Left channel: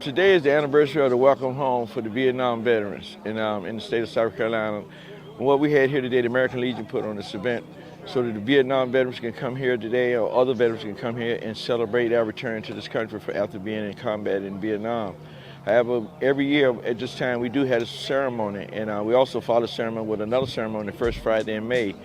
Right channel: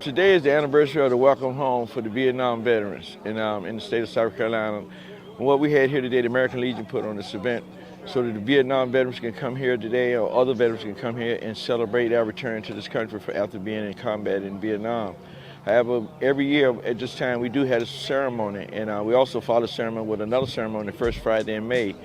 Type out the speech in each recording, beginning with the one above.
Today is the anniversary of the Welcome Home for the Vietnam veterans in the state of South Carolina. And what we had here today, the American Legion put on this event so that the Vietnam veterans can come here today, or other veterans can come here and celebrate our return to this country after being in combat in Vietnam. However, every year at this time we do have a ceremony, and we also follow the ceremony with another ceremony the first Friday in May,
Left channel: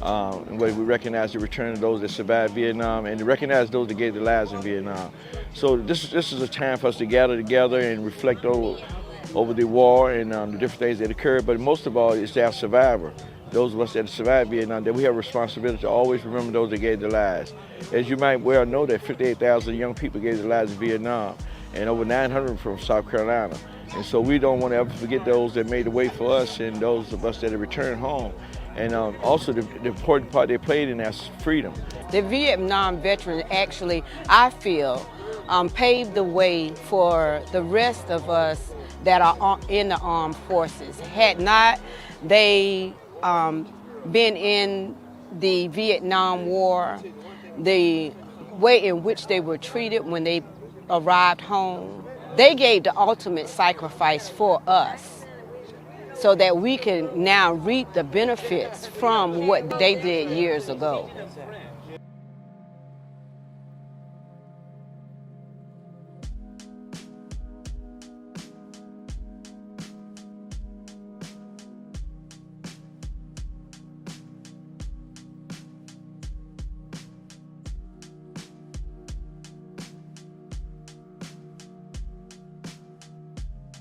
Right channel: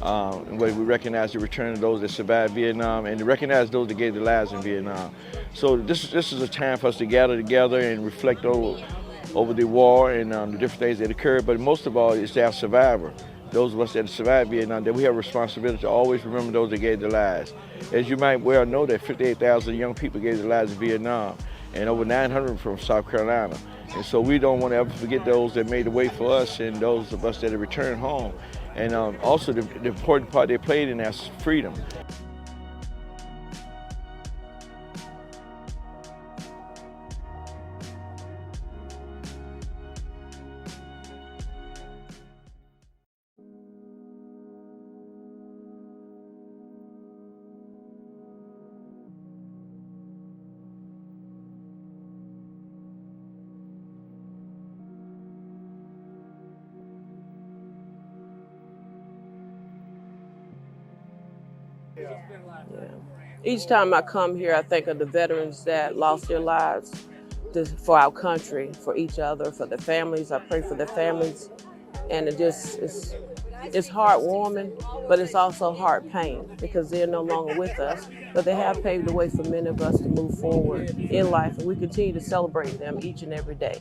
where we recognize the return of those that survived Vietnam and to recognize those that gave their lives in Vietnam. So this is a time for us to gather together and reflect over the war and the different things that occurred, but most of all, it's our survivor. Those of us that survived Vietnam, that we have a responsibility to always remember those that gave their lives. As you might well know, that 58,000 young people gave their lives in Vietnam, and over 900 from South Carolina. And so we don't want to ever forget those that made the way for us and those of us that have returned home. And also the important part they played in our freedom. The Vietnam veterans actually, I feel, paved the way for the rest of us that are in the armed forces. Had not they been in the Vietnam War, the way in which they were treated when they arrived home, they gave the ultimate sacrifice for us so that we can now reap the benefits from what they did years ago. Yeah. Each time I come here, I think of the veterans that lost their lives for our country, for each other, for the families. I pray for the families, and it's heartwarming, but it's also heart pain because they're no longer with us. But they have paved the way for many of us to move forward in life, and we continue to celebrate them each and every day.